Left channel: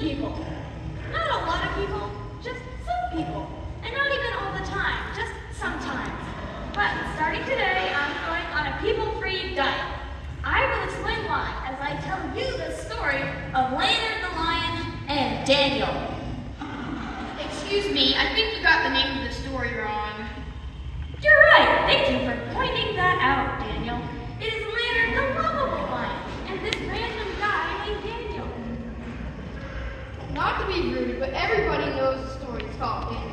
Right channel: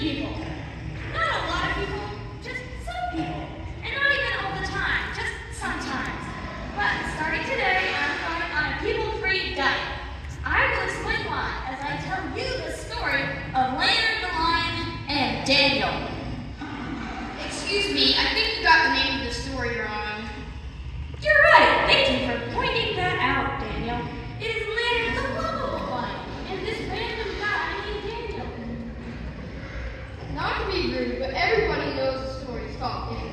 meet people. Not a lot of people, just some people. And not even all the time, just sometimes. But starting today, I'm going on a people-free diet. I will explain why as I tell you the story of Leonard the Lion and Daniel. Excuse me, I think you got the name of the story wrong. You're right. Thank you for pointing that out, Daniel. It is Leonard the lovable lion and this random guy named Daniel. Not to be rude, but everybody knows the story is called Leonard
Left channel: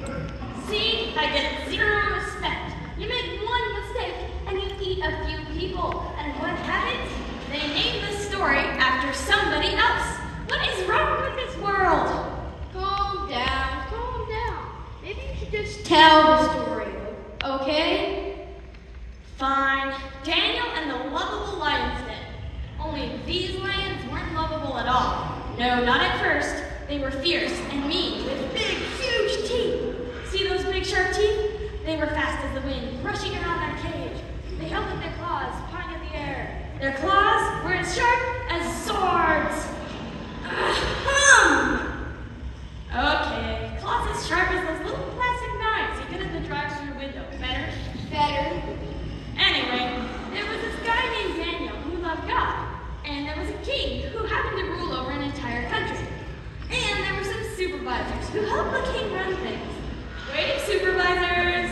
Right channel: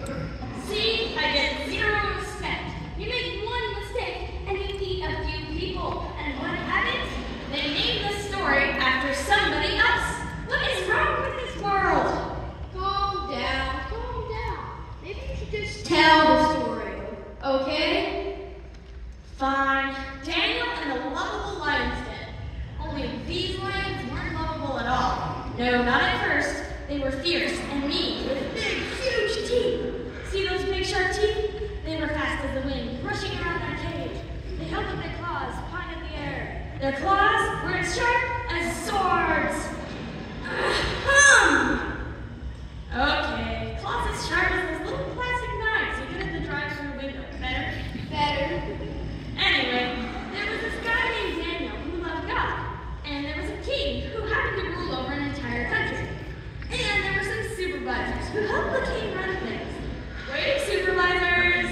the Lion. See, I get zero respect. You make one mistake and you eat a few people. And what happens? They name the story after somebody else. What is wrong with this world? Calm down. Maybe you should just tell the story, okay? Fine. Daniel and the lovable lion's den. Only these lions weren't lovable at all. No, not at first. They were fierce and mean with big, huge teeth. See those big sharp teeth? They were fast as the wind, rushing around that cage. They held up their claws, pawing at the air. Their claws were as sharp as swords. Okay, claws as sharp as those little plastic knives you get at the drive-thru window. Better? Anyway, there was this guy named Daniel who loved God. And there was a king who happened to rule over an entire country. And there were some supervisors who helped the king run things. Wave, supervisors!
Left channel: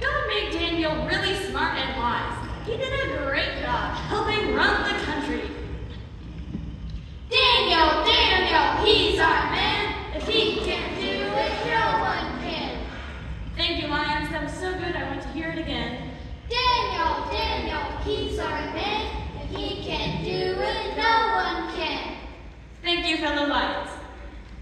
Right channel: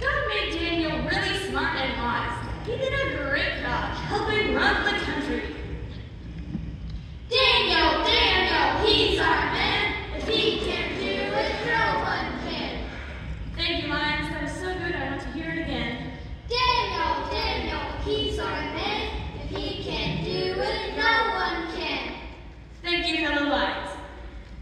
God made Daniel really smart and wise. He did a great job helping run the country. Daniel, he's our man. If he can't do it, no one can. Thank you, lions. That was so good, I want to hear it again. Daniel, he's our man. If he can't do it, no one can. Thank you, fellow lions.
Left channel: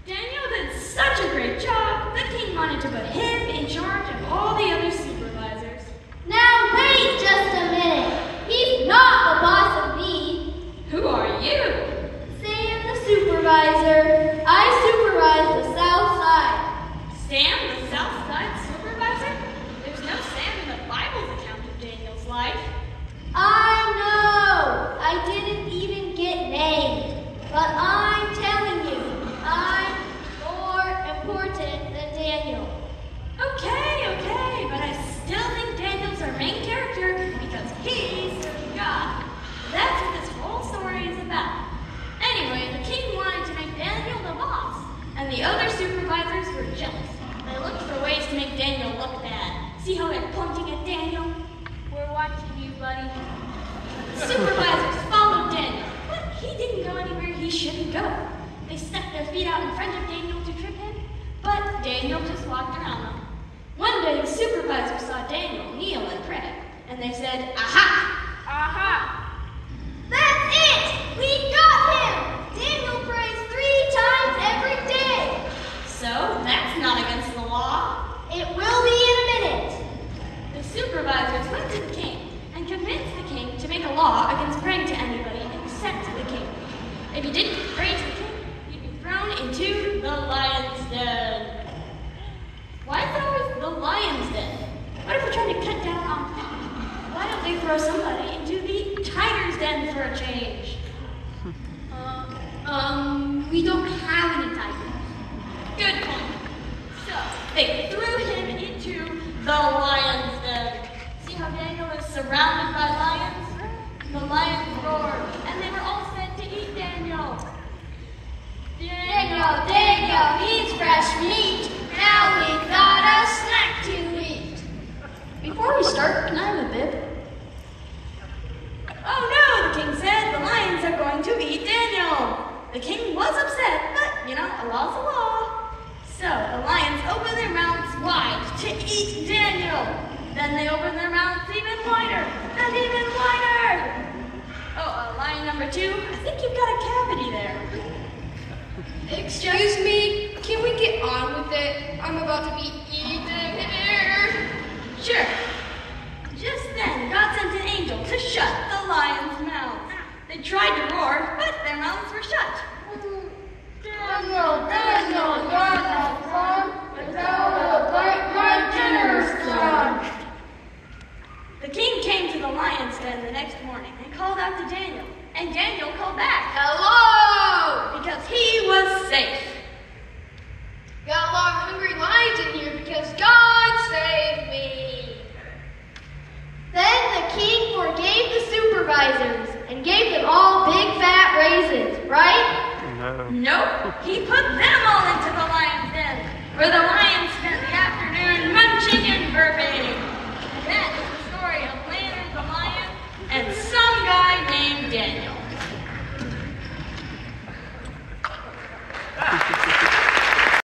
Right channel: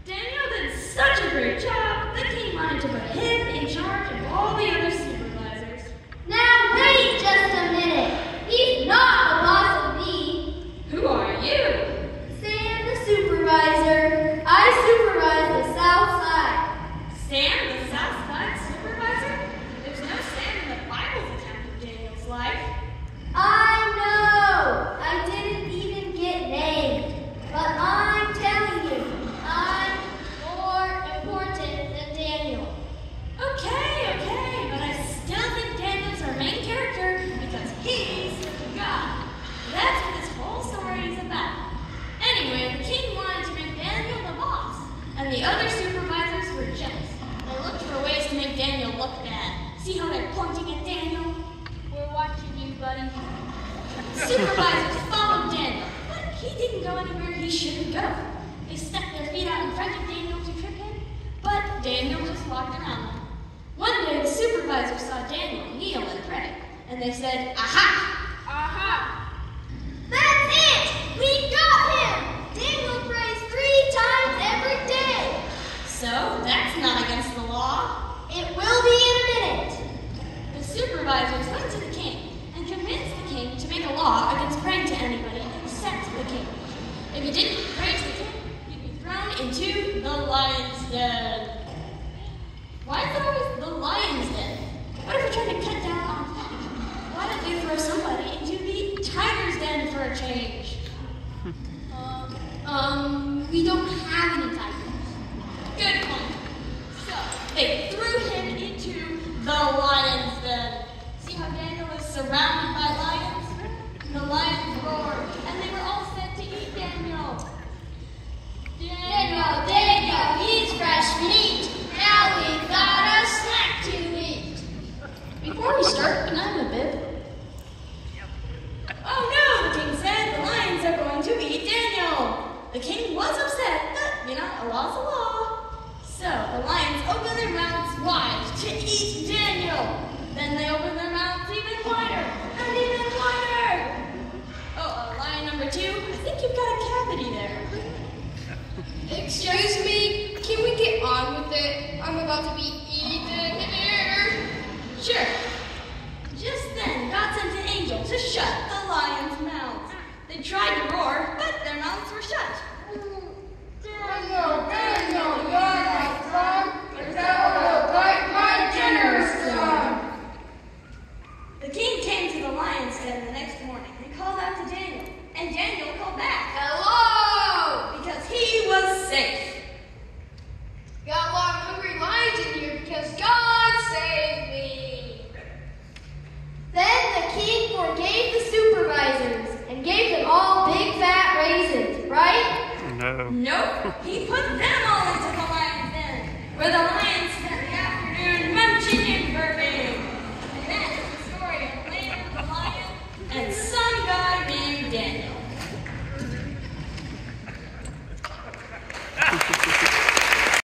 Daniel did such a great job, the king wanted to put him in charge of all the other supervisors. Now wait just a minute. He's not the boss of me. Who are you? Sam the supervisor. I supervise the south side. Sam the south side supervisor? There's no Sam in the Bible's account of Daniel's life. I know. I didn't even get named. But I'm telling you, I'm more important than Daniel. Okay, but I still think Daniel's our main character because he's God. That's what this whole story is about. Anyway, the king wanted to make Daniel the boss, and the other supervisors were jealous. They looked for ways to make Daniel look bad. See how they're pointing at Daniel? We're watching you, buddy. The supervisors followed Daniel, but he didn't go anywhere he shouldn't go. They stuck their feet out in front of Daniel to trip him, but Daniel just walked around them. One day, the supervisor saw Daniel kneel and pray, and they said, Aha! That's it! We got him! Daniel prays 3 times every day. So, that's not against the law. It will be in a minute. The supervisors went to the king and convinced the king to make a law against praying to anybody except the king. If you didn't pray to the king, you'd be thrown into the lion's den. Why is it always the lion's den? What if we're trying to cut down on crime? Why don't they throw somebody into the tiger's den for a change? We don't have any tigers. Good point. So, they threw him into the lion's den. See how Daniel is surrounded by lions? The lions roared, and they were all sent to eat Daniel. Daniel, he's fresh meat. Now we've got a snack to eat. Before we start, can I have a bib? Oh no, the king said the lions are going to eat Daniel. The king was upset, but, a law's a law. So, the lions opened their mouths wide to eat Daniel. Then they opened their mouths even wider and even wider. Oh, lion number 2, I think you've got a cavity there. Excuse me, can we get on with it? I'm about to be eaten here. Sure. Just then, God sent an angel to shut the lions' mouths. They tried to roar, but their mouths were shut. Daniel, you're my son. It's out like my dinner's done. The king came to the lion's den the next morning and called out to Daniel, and Daniel called back, Hello! safe. Got a lot of hungry lions in here because God saved me. Then the king forgave the supervisors and gave them all big fat raisins, right? No. Nope, he put them all into the lion's den, where the lions